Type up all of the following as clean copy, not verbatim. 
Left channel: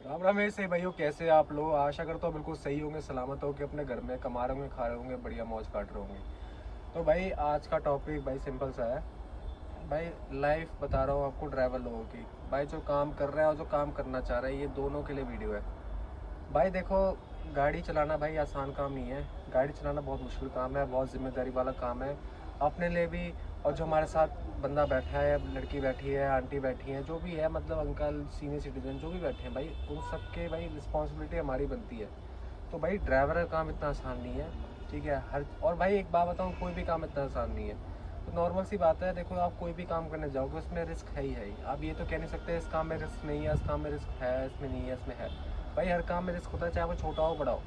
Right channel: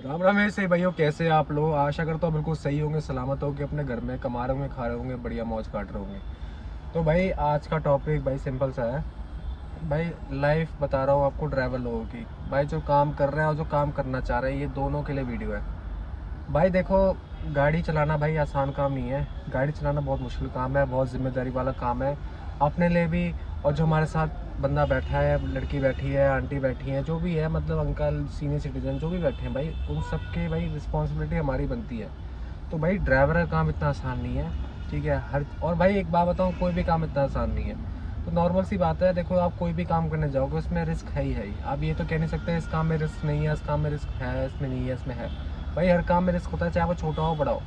राम राम मेरे सही भाइयों, कैसे आप लोग? आशा करता हूँ बिल्कुल सही होंगे, सलामत होंगे, अपने घर में कमा रहे होंगे, खा रहे होंगे, बढ़िया मौज काट रहे होंगे। तो भाई आज का टॉपिक भाई सिंपल सा है। भाई लाइफ बता रहा हूँ आपको ड्राइवर लोगों की। भाई जो काम कर रहे हैं और जो काम करना चाह रहे हैं, ये दोनों के लिए वीडियो है। भाई देखो, गाड़ी चलाना भाई आसान काम नहीं है। गाड़ी चलाना बहुत मुश्किल काम है, बहुत जिम्मेदारी वाला काम है अपने लिए भी। और जो हमारे साथ बंदा बैठा है, लड़की बैठी है, आंटी बैठी है, जो भी है, मतलब अंकल, सीनियर सिटीजन जो भी बैठे हैं भाई, उन सब के भाई रिस्पॉन्सिबिलिटी हमारी बनती है। तो भाई ड्राइवर का काम इतना आसान नहीं है। ठीक है, हर और भाई एक बात बताऊँ, कोई भी काम इतना आसान नहीं है। तो नॉर्मल सी बात है, देखो आप कोई भी काम करने जाओगे उसमें रिस्क है ही है ही। आप ये तो कह नहीं सकते इस काम में रिस्क नहीं है, इस काम में रिस्क है, इसमें नहीं है, इसमें है। भाई हर काम में रिस्क होता है, चाहे वो छोटा हो बड़ा हो।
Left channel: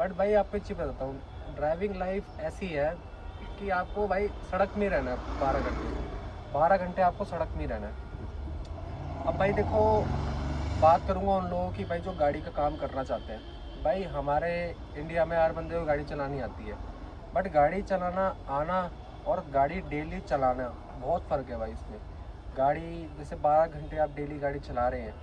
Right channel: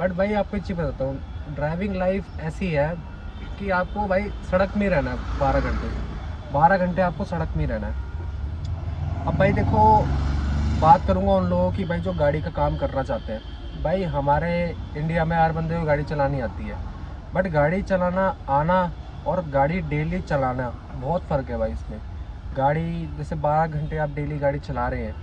बट भाई आपको एक चीज़ बताता हूँ, ड्राइविंग लाइफ ऐसी है कि आपको भाई सड़क में ही रहना है 12 घंटे। 12 घंटे आपको सड़क में ही रहना है। अब भाई देखो, बात करूँगा उन लोगों की भाई जो गाड़ी का काम करना चाहते हैं। भाई हमारे इंडिया में हर बंदे को गाड़ी चलानी आती है। बट गाड़ी चलाना आना और गाड़ी डेली चलाना, बहुत फ़र्क है भाई इसमें। गाड़ी जैसे 12 घंटे आप डेली गाड़ी चला रहे हैं,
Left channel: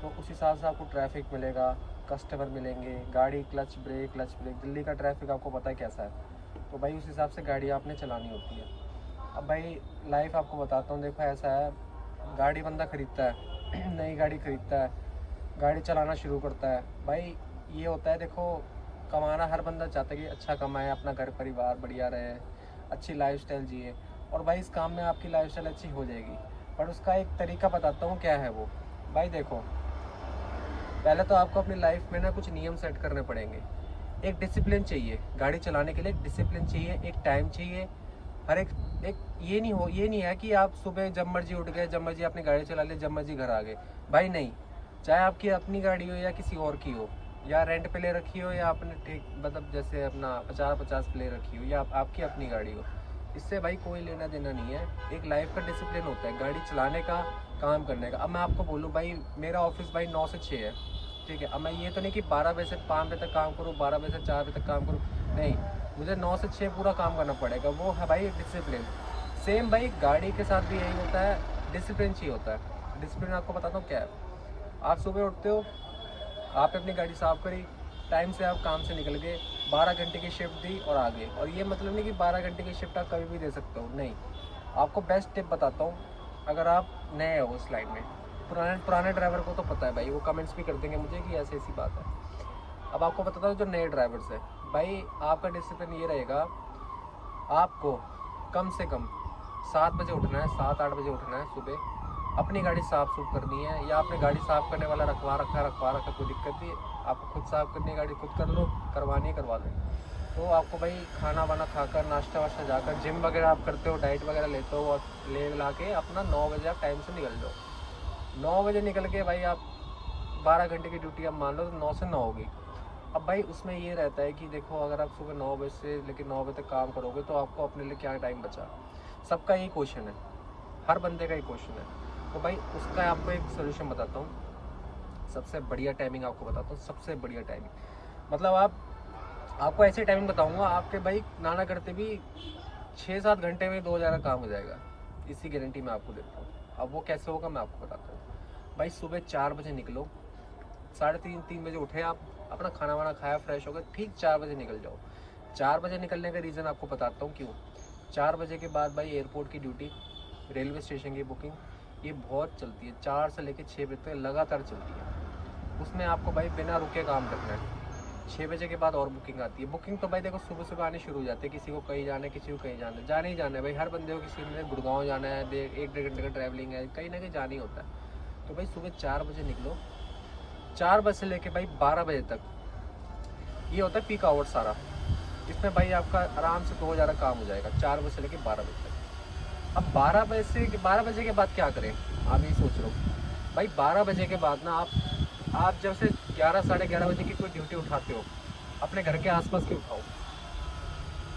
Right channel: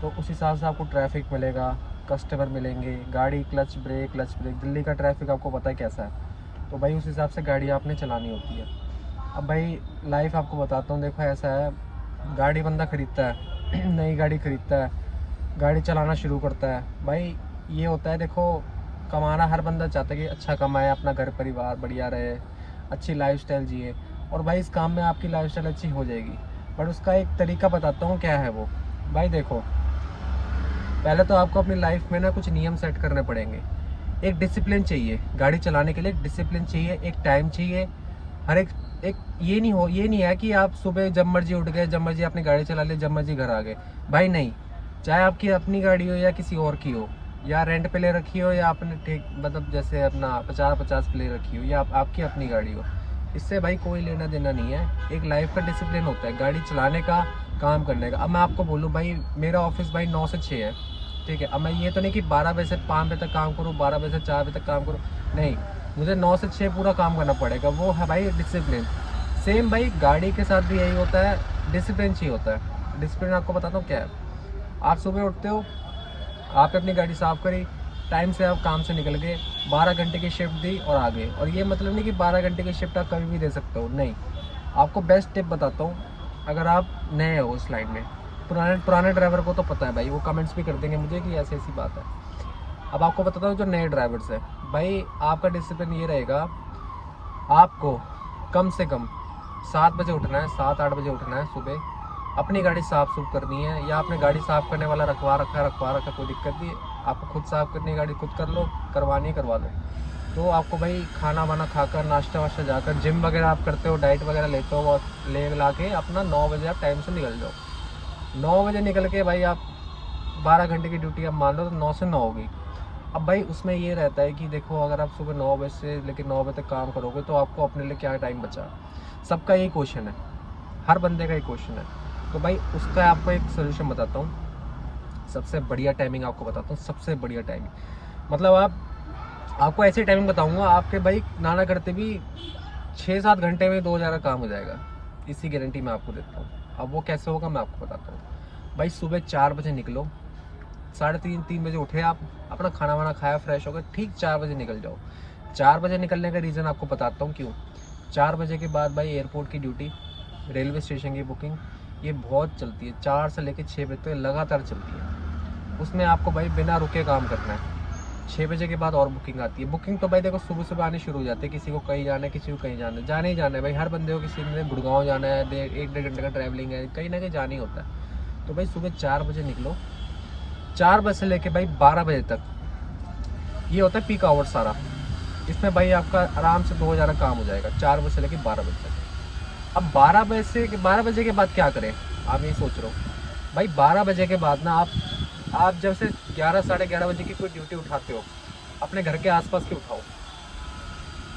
तो उस हिसाब से आपको ट्रैफिक मिलेगा, कस्टमर मिलेंगे, गाड़ी क्लच ब्रेक। दिल्ली का ट्रैफिक आपको पता है कैसा है। तो भाई उस हिसाब से गाड़ी आपने चलानी होती है। अब भाई लाइफ आपको बताता हूँ, देखो ऐसा है, गाड़ी बंदा खरीदता है नई गाड़ी खरीदता है, गाड़ी चलाना शुरू करता है। भाई ये होता है, देखो कमाना हर बंदा चाहता है कि अच्छा कमाए, अपना घर परिवार बढ़िया रहे, अच्छी लाइफस्टाइल जिए। और भाई इस काम में आपकी लाइफस्टाइल अच्छी हो जाएगी। बट उसका एक तरीका बताता हूँ क्या है वो। भाई देखो, पहले तो आपको अपनी लाइफ में ना कुछ नियम सेट करने पड़ेंगे। एक डिसिप्लिन चाहिए गाड़ी चलाने के लिए, एक डिसिप्लिन चाहिए, एक टाइम चाहिए। हर एक ये नहीं है कि आप सुबह जब मर्जी उठ गए, जब मर्जी अपनी गाड़ी चला ली, जब मर्जी घर आ गए। भाई नहीं। चाहे आपकी अपनी गाड़ी हो या किसी और की हो, या रेंट पे ले रखी हो, या आपने ठीक मतलब जैसे अपना 50-50 पे ले रखी हो, या आपकी अपनी गाड़ी हो, इससे भाई कोई लेना देना नहीं है। एक लाइफ का डिसिप्लिन होता है गाड़ी चलाने का, काम करने का। अब मैं आपको बोलूँ भाई, मेरा ऑफिस भाई 9 से 6 है। ठीक है, अब मैं ये तो नहीं कि 12 बजे से 5 बजे तक काम करूँ, 12 बजे से 4 बजे तक काम करूँ। नहीं, मुझे 9 से 6 पूरा काम करना पड़ेगा। वो है भाई डिसिप्लिन। सेम भाई गाड़ी के साथ भी यही होता है, डिसिप्लिन चाहिए होता है। डिसिप्लिन आपको बताता हूँ क्या है। आप सुबह उठते हो, आपने अपनी गाड़ी साफ़ करी, टाइम से आप काम से निकल गए, 12 घंटे की शिफ्ट दी और आ गए। और ये मतलब नहीं कि 12 घंटे की शिफ्ट आप कभी भी दे सकते हो, नहीं। आपको बेस्ट टिप बताता हूँ, अगर आप नए हो उस लाइन में। पुराने पुराने ड्राइवर को तो पता है भाई, वो कमेंट्स भी कर देंगे मुझे कि ऐसी ऐसी बात है। अब आपको बताता हूँ जो नए ड्राइवर्स है, भाई आपका डिसिप्लिन ये रहेगा, आपको कम से कम 7 बजे उठना है, 7-8 बजे उठना है सुबह। अपनी गाड़ी साफ़ सुफ करनी है, या आपने गाड़ी साफ़ करने वाला रखवा रखा, कोई दिक्कत नहीं। आपको खुद साफ़ करनी है गाड़ी, खुद कर लो, करवानी है करवा लो। तो आपको भाई खाना वाना खाकर, नाश्ता वाश्ता जाकर, जिम वगैरह आप करते हो, डाइट वगैरह लेते हो, और ले ला के अपना 9 बजे आप टाइम से निकल जाओ। 9 बजे निकल के भाई आप 12 घंटे की ड्यूटी आप मान लो, तो 9 से 9 होगी। अब भाई उसमें ये रहता है कि देखो, अगर आप सुबह 9 बजे से लेकर 9 बजे तक काम करोगे, तो आपको अपने लिए क्या टाइम बचा? सबका यही क्वेश्चन है, हर बंदे का एक क्वेश्चन है। तो भाई उसका आपको एक सोल्यूशन बताता हूँ। सबसे बढ़िया टाइमिंग आपको बताता हूँ, सबसे बढ़िया टाइमिंग। मतलब आपको ऐसी टाइमिंग बताऊंगा, आपके भाई नाना करते भी 6-7 घंटे में 2 हज़ार का काम हो जाएगा। इसी गारंटी मैं आपको देता हूँ। अब वो कैसे होगा मैं आपको बताता हूँ। भाई सुबह 4 बजे निकलो, 3:30-3 बजे उठे आप, अपना खाना वाना खाया, फ्रेश हो गए, ठीक 4 बजे निकल जाओ। 4 बजे निकलने का रीज़न आपको बताता हूँ क्यों। 4 बजे के बाद भाई एयरपोर्ट की ड्यूटी, रेलवे स्टेशन की बुकिंग, ये बहुत चलती है। 4 से लेकर 6 बजे तक लगातार चलती है। उसमें आपको भाई बिना रुके काम करना है। 6 बजे के बाद और बुकिंग आती है। बुकिंग तो भाई देखो सुबह सुबह आनी शुरू हो जाती है, किसी को कहीं जाना है, किसी को कहीं जाना है, जाना ही जाना है भाई। हर बंदे को, किसी ने गुड़गांव जाना है, 1-1.5 घंटे का ट्रैवलिंग है, कहीं ना कहीं जाना ही होता है। तो भाई सुबह 4 बजे निकलो, 4 बजे से लेके भाई 12 बजे तक ये होता है पीक आवर सारा। इसमें भाई आपका आराम से 2 हज़ार का काम हो जाएगा, 4 बजे से लेके 12 बजे तक। अब 12 बजे के बाद क्या करें, आप ये सोच रहे हो। भाई 12 बजे के बाद ना आप जब से 11-11:30 बजे की कोई ड्यूटी उठाते हो, अपने घर के आसपास की उठाओ।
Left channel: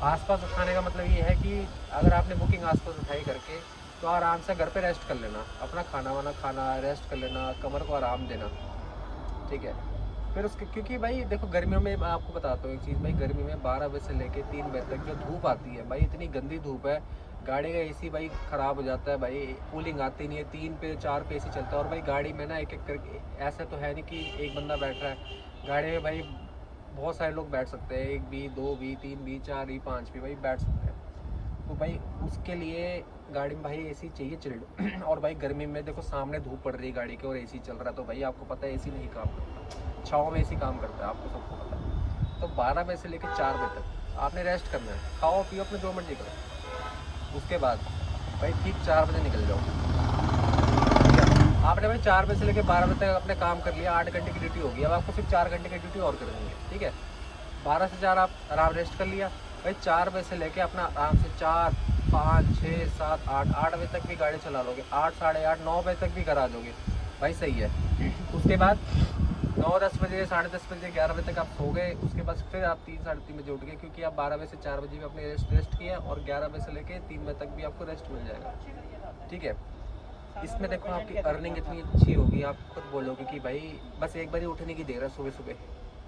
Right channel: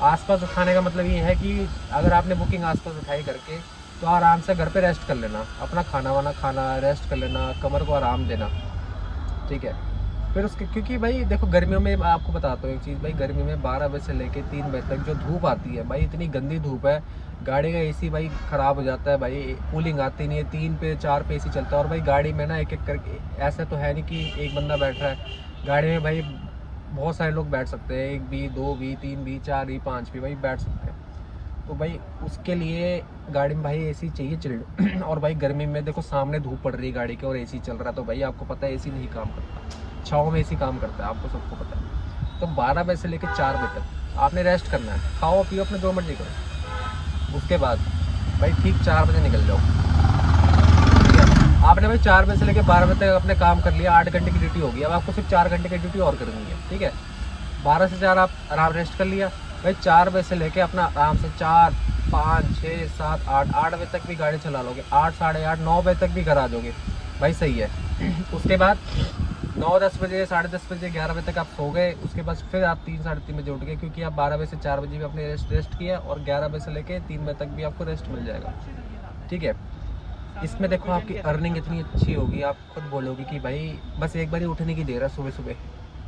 आसपास उठाने का मतलब ये है कि अगर आपने बुकिंग आसपास उठाई करके, तो आराम से घर पे रेस्ट कर लेना, अपना खाना वाना खाना, रेस्ट कर लेना, कमर को आराम देना। ठीक है, फिर उसके, क्योंकि भाई देखो गर्मियों में, मैं आपको बताता हूँ एक चीज़ भाई, गर्मी में 12 बजे से लेके 3 बजे तक जो धूप आती है भाई, इतनी गंदी धूप है, गाड़ी का एसी भाई ख़राब हो जाता है भाई, कूलिंग आती नहीं है, 3 पे 4 पे एसी चलता है। और भाई गाड़ी में ना एक एक करके, ऐसा तो है नहीं कि एक बंदा बैठ रहा है गाड़ी में भाई, बहुत सारे लोग बैठ सकते हैं, 1 भी 2 भी 3 भी 4 भी 5 भी भाई बैठ सकते हैं। तो भाई उसके लिए गाड़ी में भाई एसी चाहिए चिल्ड। और भाई गर्मी में देखो सामने धूप पड़ रही है गाड़ी के और एसी चल रहा है, तो भाई आपको पता है एसी नहीं काम करता, छाँव में एसी काम करता है, आपको सबको पता है। तो 12 बजे से लेकर 4 बजे तक आपने रेस्ट करना है, खाओ पियो अपने जो मर्जी करो। उसके बाद भाई ठीक 4 बजे निकल जाओ, ठीक है। आपने भाई 4 बजे से लेकर 12 बजे तक अपने काम कर लिया, 8 घंटे की ड्यूटी होगी, अब आपको सिर्फ 4 घंटे की ड्यूटी और करनी है, ठीक है। 12 से 4 आप आराम रेस्ट कर लिया भाई, 4 बजे से लेके अपना आराम से 4 5 6 7 8 बजे तक भी गाड़ी चला लोगे, 8 साढ़े 8 9 बजे तक भी घर आ जाओगे भाई, सही है। उसके बाद 9 10 बजे साढ़े 10 बजे 11 बजे तक आप सो गए, उसके बाद फिर आप 3 साढ़े 3 बजे उठ गए, क्योंकि आप 12 बजे से 4 बजे भी अपने रेस्ट किया, और 11 बजे से लेके 3 बजे तक भी आपको रेस्ट मिल जाएगा, ठीक है। इसमें देखो आपकी अर्निंग इतनी अच्छी होगी, आप खुद बोलोगे कि भाई बस एक बार ही उठने की देर है, सुबह सुबह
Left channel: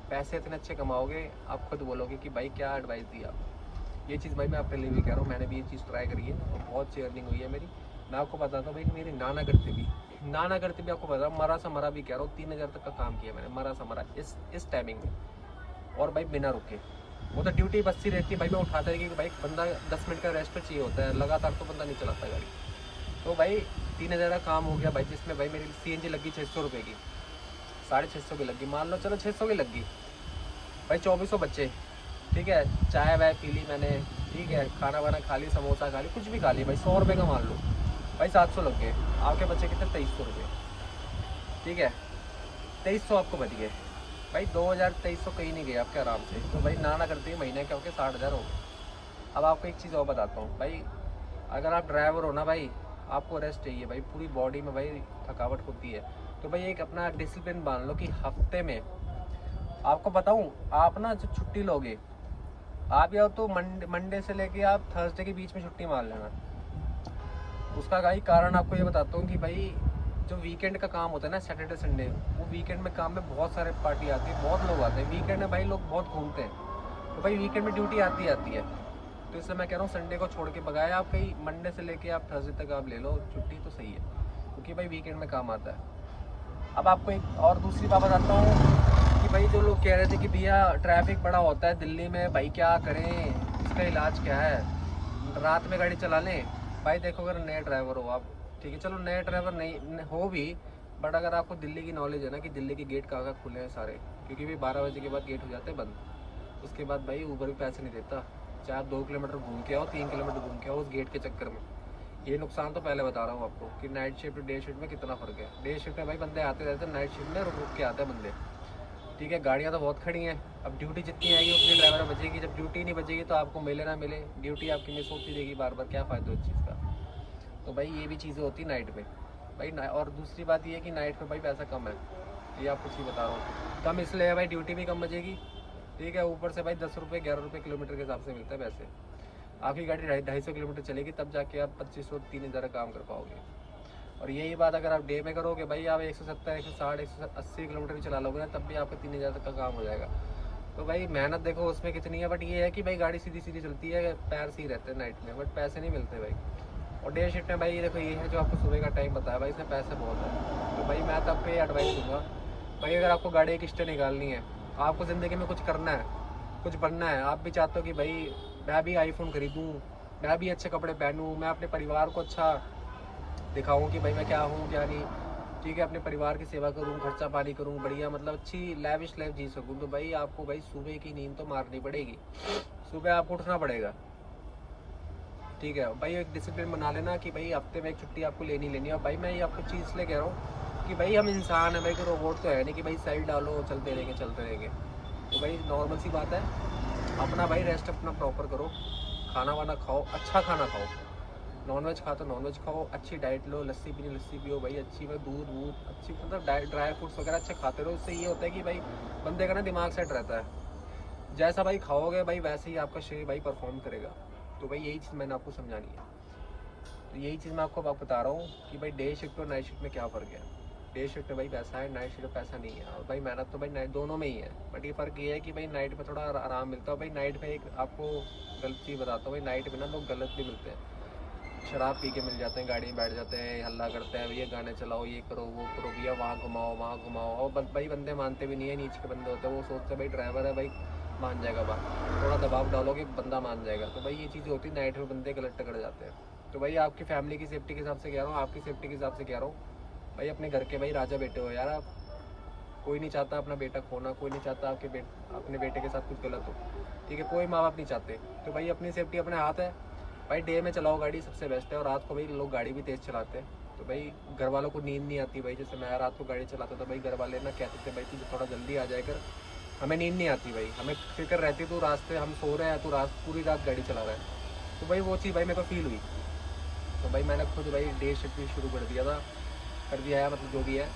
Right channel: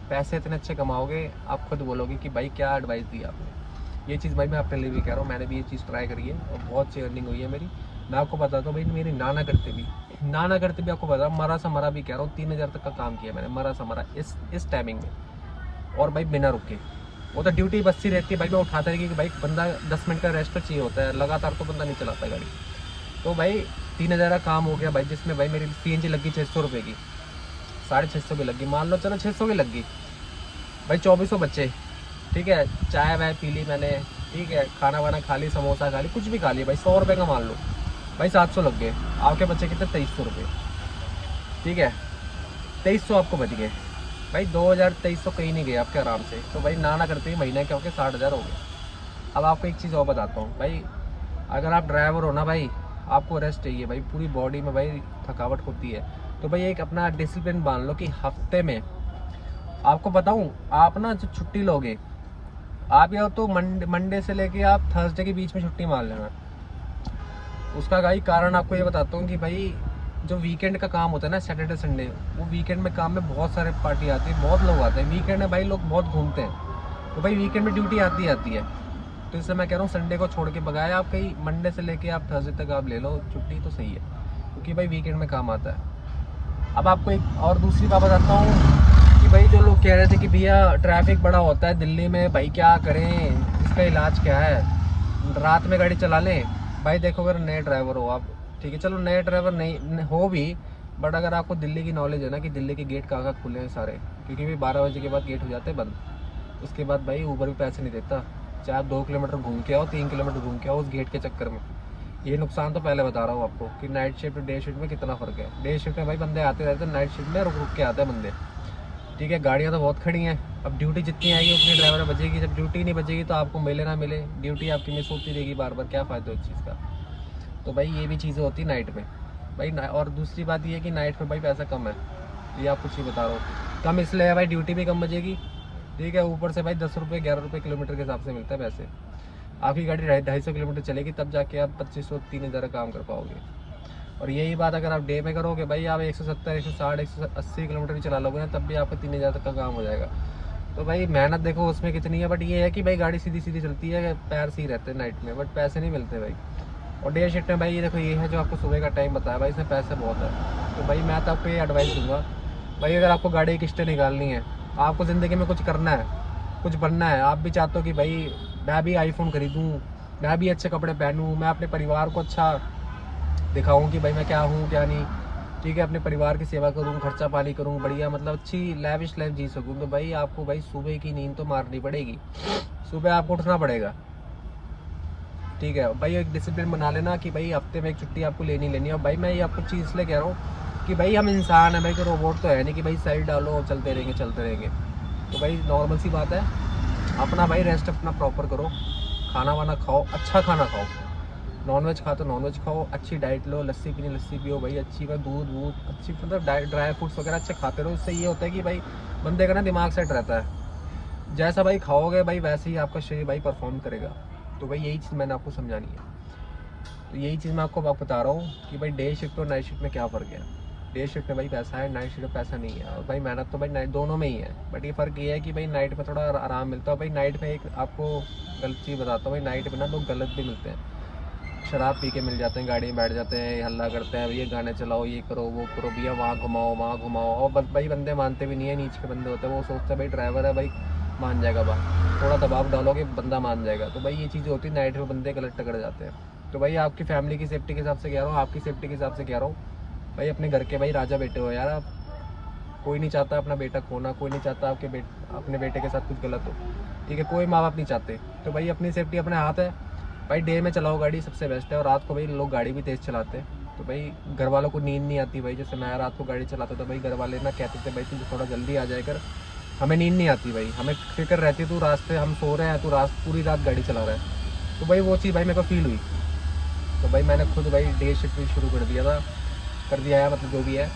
पैसे इतने अच्छे कमाओगे, आप खुद बोलोगे कि भाई क्या एडवाइस दी आपने। ये चीज़ भाई मैं अपने लिए भी कह रहा हूँ, मैंने भी ये चीज़ ट्राई करी है और बहुत अच्छी अर्निंग हुई है मेरी। मैं आपको बताता हूँ भाई, मेरी नाना करते भी आपको बता, मरा सा मरा भी कह रहा हूँ, 3,000 तक का काम किया मैंने, मरा सा मरा इस टाइमिंग में, और भाई बिना रुके। वो तो ड्यूटी बसती रहती है भाई, मैं उठाता रही कि भाई बंदा 10 मिनट का रेस्ट तो चाहिए होता है, लगातार तो बंदा नहीं चलाता गाड़ी। तो भाई 3,000 का काम हो गया भाई, जिसमें भाई मेरी CNG लगी 600 रुपये की, 650 की लगी, मान लो चलो 600 की लगी भाई, 2400 बच्चे, ठीक है। चाय वाय पी ली मैंने, ठीक है, खाना वाना खा ली, समोसा खा ली, कुछ भी खा लिया भाई, 100 रुपये का मान लो भाई, 700 लग गए। आपके बच्चे कितने, 2300 रुपये, ठीक है, 2300 आपको बच गए भाई, 2000 2300 कहीं नहीं गए आपके आराम से। तो भाई ना करते ही महीने के होके 60,000 हो गए। अब आपको एक चीज़ और बताता हूँ भाई, अगर आप ड्राइवर हो ना भाई, आपको रेस्ट चाहिए भाई, पूरी बॉडी में भाई थकावट होती है, तो भाई एक अपना डिसिप्लिन मान लो कि हफ्ते में, आपको बताऊँ, आप ना जो छुट्टी लोगे, आप या तो मंडे से लेके आप थर्सडे के बीच में छुट्टी मार लेना। उसका भाई कारण आपको ये बताता हूँ कि भाई जो वीकेंड का काम होता है ना, सैटरडे संडे, वो वीकेंड में काम में बहुत सारे पार्टी आती है, बहुत लोग आते हैं वीकेंड में भाई, लोग बहुत घूमते हैं, तो भाई वीकेंड में ड्यूटी आती है। तो इससे मैं कह रहा हूँ संडे को छोड़ के बगाए आप, कहीं मंडे से लेके आप थर्सडे तक आप ले लो छुट्टी, तो सही है, क्योंकि भाई वीकेंड में काम आता है। अब आपको एक और दूसरी बात बताता हूँ कि भाई जो लोग कह रहे थे कि भैया ट्रैफिक बड़ा होता है दिल्ली में, भाई क्या करें, इसका इलाज क्या है, रात में गाड़ी चला लें। भाई देखो अगर नए ड्राइवर हो आप, ठीक है, चलो नए ड्राइवर नहीं हो भी, बट अगर आपको दिल्ली की नॉलेज है ना कि दिल्ली के गेट कहाँ कहाँ खुले हैं सारे, क्योंकि भाई 12 बजे के बाद गेट हो जाते हैं बंद। उसके बाद भाई ऊबर भी पैसे नहीं देता, चाहे आप 2 किलोमीटर घूम के आओ, 3 किलोमीटर घूम के आओ उस गेट के चक्कर में। ये नुकसान तो पहले बता रहा हूँ आपको कि नाइट शिफ्ट डे शिफ्ट में कितना फ़र्क है। डे शिफ्ट में भाई बंदे आते रहते हैं, नाइट शिफ्ट में रुक रुक के आते हैं बंदे, ठीक है। गाड़ियाँ तो बहुत खड़ी हैं, अब ड्यूटी जितनी आएगी उतनी ड्राइवर बचेगी, जब ड्यूटी नहीं बचेगी तो आपको मिले ना मिले, ड्यूटी आपकी मिस होती रहेगी बार बार, क्या फ़ायदा उस चीज़ का। तो भाई ये भी चीज़ें होती नाइट में भाई। और दूसरी बात ये है कि नाइट में भाई पैसा कम है, ये आप कुछ ही बता रहा हूँ, कम इसलिए है भाई ड्यूटी भी कम बचेगी, ठीक है, ऊपर से भाई 10 रुपये 11 रुपये किलोमीटर के हिसाब से मिलता है पैसे। आपकी गाड़ी 250 किलोमीटर चलेगी तब जाके आप 2500 3,000 काम कर पाओगे। और यही बात अगर आप डे में करोगे भाई, आप 170 160 180 किलोमीटर भी चला लोगे ना, तब भी आपका 3,000 तक का काम हो जाएगा। तो भाई मेहनत देखो उसमें कितनी है, बट ये है कि भाई गाड़ी सीधी सीधी चलती है, पैर सही रहते हैं नाइट में, बट पैसे नहीं मिलते भाई। और डे शिफ्ट में भाई ये देखो, ये है जो आपको सुबह का टाइम बताया भाई, इसमें पैसे बहुत है। तो भाई मैं तो आपको ये एडवाइस दूंगा भाई, अगर आपको गाड़ी की किस्तें निकालनी है, आपको ज़िंदगी में कुछ करना है, कुछ बनना है, आप भी चाहते हो कि भाई मैं भी आईफोन खरीदूँ, मैं भी अच्छे कपड़े पहनूँ, मैं अपने परिवार को अच्छा दिखाऊँ कि भाई मैं क्या हूँ क्या नहीं, ठीक है, अपने परिवार की सेवा करूँ, खर्चा पानी करूँ बढ़िया, मतलब अच्छी लैविश लाइफ जी सकूँ, तो भाई आपको भाई सुबह की नींद तो मारनी पड़ेगी, सुबह आपको उठना पड़ेगा, ठीक है भाई। एक डिसिप्लिन बना लेना कि भाई हफ्ते में एक छुट्टी आपको लेनी लेनी है। और भाई मैं ये आपको चीज़ इसलिए कह रहा हूँ कि भाई हम इंसान हैं भाई, कोई रोबोट तो है नहीं कि भाई साइड डालो चलते रहेंगे चलते रहेंगे। तो भाई नॉर्मल सी बात है, अपना भाई रेस्ट अपना प्रॉपर करो, खाना वाना खाओ, अच्छा खाना खाओ, नॉनवेज खाओ तो नॉनवेज खाओ, अच्छी डाइट लो, लस्सी पीनी लस्सी पियो भाई अच्छी, में दूध वूध अच्छी, मतलब ड्राई फ्रूट्स वगैरह अच्छे खाते रहो। इससे ये होता है कि भाई बंदे का ना दिमाग सेट रहता है, जैसा भाई खाओगे भाई वैसे ही आपका शरीर भाई परफॉर्म करेगा। तो भाई यही चीज़ मैंने आपको समझानी है, तो यही चीज़ मैं आपको बता रहा हूँ कि भाई डे शिफ्ट और नाइट शिफ्ट में क्या फ़र्क है। डे शिफ्ट में भाई पैसा है, नाइट शिफ्ट में पैसा नहीं है। और भाई मेहनत तो भाई नाइट दोनों में ही है, बट ये फ़र्क ये है कि भाई नाइट में थोड़ा आराम मिलता है। भाई नाइट में एक आपको गलत चीज़ बताता हूँ, भाई नाइट में ना लोग गलत भी मिलते हैं। शराब पी के मिल जाते हैं, गाड़ी में बैठ जाते हैं, हल्ला करते हैं, भैया गाने चलाओ, ये करो वो करो, भैया वहाँ घुमाओ वहाँ घुमाओ। और बस भाई बंदे मानते भी नहीं है, नीचे के बंदे होते हैं, वो सोचते हैं भाई ड्राइवर है भाई मान जाएगा बात, थोड़ा दबाव डालोगे बंदा मान जाएगा। तो भाई ये चीज़ें होती है, नाइट में बंदे गलत टकरा जाते हैं। तो भाई आपकी फैमिली की सेफ्टी के हिसाब से कह रहा हूँ, आपकी सेफ्टी के हिसाब से कह रहा हूँ, भाई अपने घर के भाई राजा बेटे हो यार आप। कोई नहीं चाहता अपना बेटा खोना, कोई नहीं चाहता अपने बेटे के साथ कुछ गलत हो, ठीक है, कोई माँ बाप नहीं चाहते। तो भाई अपनी सेफ्टी अपने हाथ है। भाई डे में चलाओ गाड़ी सबसे बेस्ट है, और रात को भाई लोग गाड़ी भी तेज़ चलाते हैं, तो भाई घर वालों को नींद नहीं आती। भाई जैसे मैं रात को गाड़ी चलाता था, भाई घर वाले ना कहते थे भाई तू थोड़ा जल्दी आ जाए कर, हमें नींद नहीं आती भाई, हमें फिक्र रहती तू रास्ते हम सो रहे हैं, तू पूरी रात गाड़ी चला रहा है। तो भाई वो चीज़ भाई मेरे को फील हुई। तो भाई मैंने खुद भाई डे शिफ्ट भी शुरू कर दिया था, कर दिया है मतलब जो भी है।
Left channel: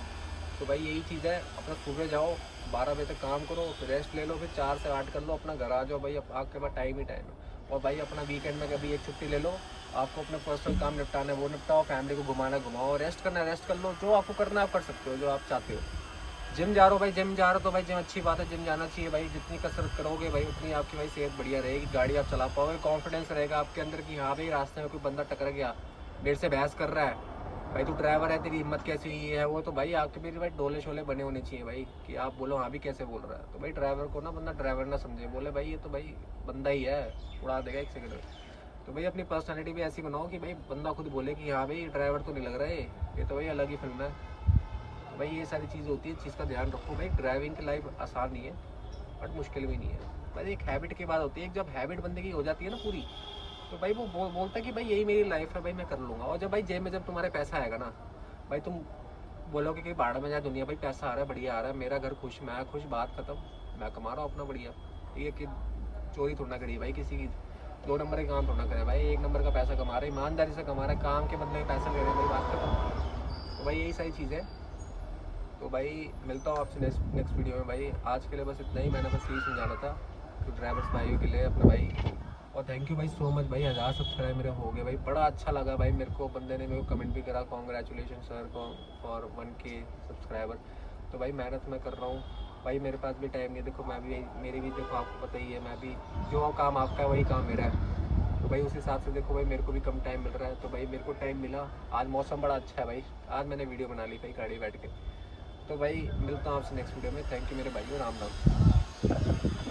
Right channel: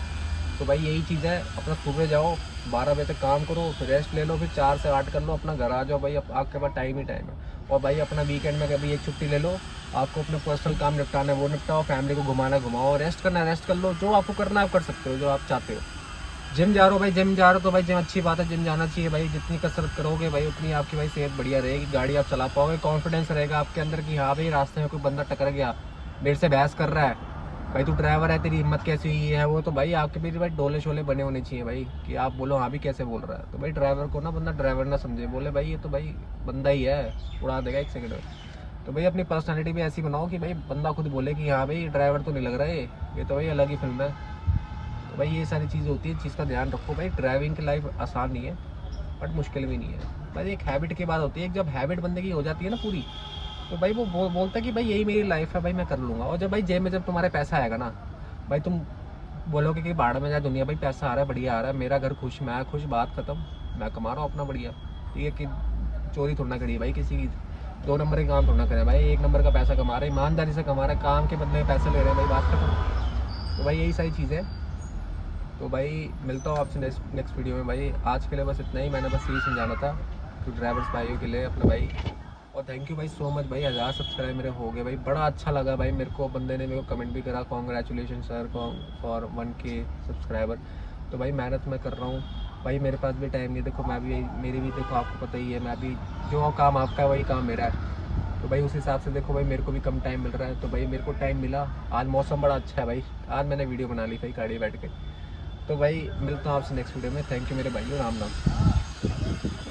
तो भाई यही चीज़ है, अपना सुबह जाओ 12 बजे तक काम करो, फिर रेस्ट ले लो, फिर 4 से 8 कर लो, अपना घर आ जाओ भाई, आपके पास टाइम ही टाइम है। और भाई अपना वीकेंड में कभी एक छुट्टी ले लो, आपको अपने पर्सनल काम निपटाना है वो निपटाओ, फैमिली को घुमाना घुमाओ, रेस्ट करना है रेस्ट कर लो, जो आपको करना है आप कर सकते हो, जो आप चाहते हो। जिम जा रहे हो भाई, जिम जा रहे हो तो भाई जिम अच्छी बात है, जिम जाना चाहिए भाई, जितनी कसरत करोगे भाई उतनी आपकी भाई सेहत बढ़िया रहेगी, गाड़ी आप चला पाओगे, कॉन्फिडेंस रहेगा आपके अंदर कि हाँ भाई रास्ते में कोई बंदा टकर गया, मेरे से बहस कर रहा है, भाई तू ड्राइवर है तेरी हिम्मत कैसी हुई है वो, तो भाई आपके भी भाई डोले शोले बने होने चाहिए भाई, कि आप बोलो हाँ भी कैसे बोल रहा है। तो भाई ड्राइवर को ना बंदा ड्राइवर ना समझे, बोले भाई ये तो भाई बंदा ही है, उड़ा देगा एक सेकंड में। तो भाई अपनी पर्सनैलिटी भी ऐसी बनाओ कि भाई बंदा खुद बोले कि हाँ भाई ड्राइवर तो नहीं लग रहा है, ये तो भाई अलग ही फिल्म है। तो भाई ये सारी चीज़ होती है, चीज़ का ध्यान रखो भाई, ड्राइविंग की लाइफ आसान नहीं है बट मुश्किल भी नहीं है। भाई एक हैबिट की बात होती है, जब हैबिट बंदे की हो जाती है ना पूरी, तो भाई वो बोलता है कि भाई यही मेरी लाइफ है भाई, मैं कर लूँगा। और जब भाई जेब में जब तुम्हारे पैसा आएगा ना, भाई तुम बोलोगे कि भाड़ में जाए दुनिया, भाई पैसा आ रहा है बढ़िया आ रहा है, मेरा घर खुश, मैं खुश, बात खत्म, मैं कमा रहा हूँ अपना बढ़िया, ठीक है, कि चोरी थोड़ा ना करिए भाई किसी की, 2 नंबर के काम थोड़ा ना करें भाई, 1 नंबर का पैसा कमा रहे हैं, ईमानदारी से कमा रहे हैं, काम के बदले में पैसा ले रहे हैं भाई, बात खत्म। तो भाई यही सारी चीज़ें। तो भाई मिलता हूँ आपसे नेक्स्ट वीडियो में भाई, आज के लिए बस इतना ही, मैंने बस यही समझाना था तो ड्राइवर्स भाइयों के लिए अपने भाई। और थैंक यू भाई सो मच भाई, 1000 सब्सक्राइब मेरे हो गए भाई, बड़ा अच्छा लगा भाई मेरे को, बंदे ने मेरे को कमेंट भी करा congratulation sir for 1K subscriber. तो भाई मेहनत मैं कर रहा हूँ भाई, मेरे पास भी टाइम नहीं, देखो मैं भी, मेरी भी देखो आपको पता ही है, मैं भी जो काम आपका है वही काम मेरा है। तो भाई उस हिसाब से देखो भाई मेरे को भी कम टाइम मिल रहा है, तो भाई मेरे को टाइम मिला, आज मौसम बड़ा अच्छा है भाई, आज मैंने वीडियो बना ली थी गाड़ी बैठ के। तो भाई मिलता हूँ आपसे नेक्स्ट वीडियो में, थैंक यू मेरे भाइयों, राम राम।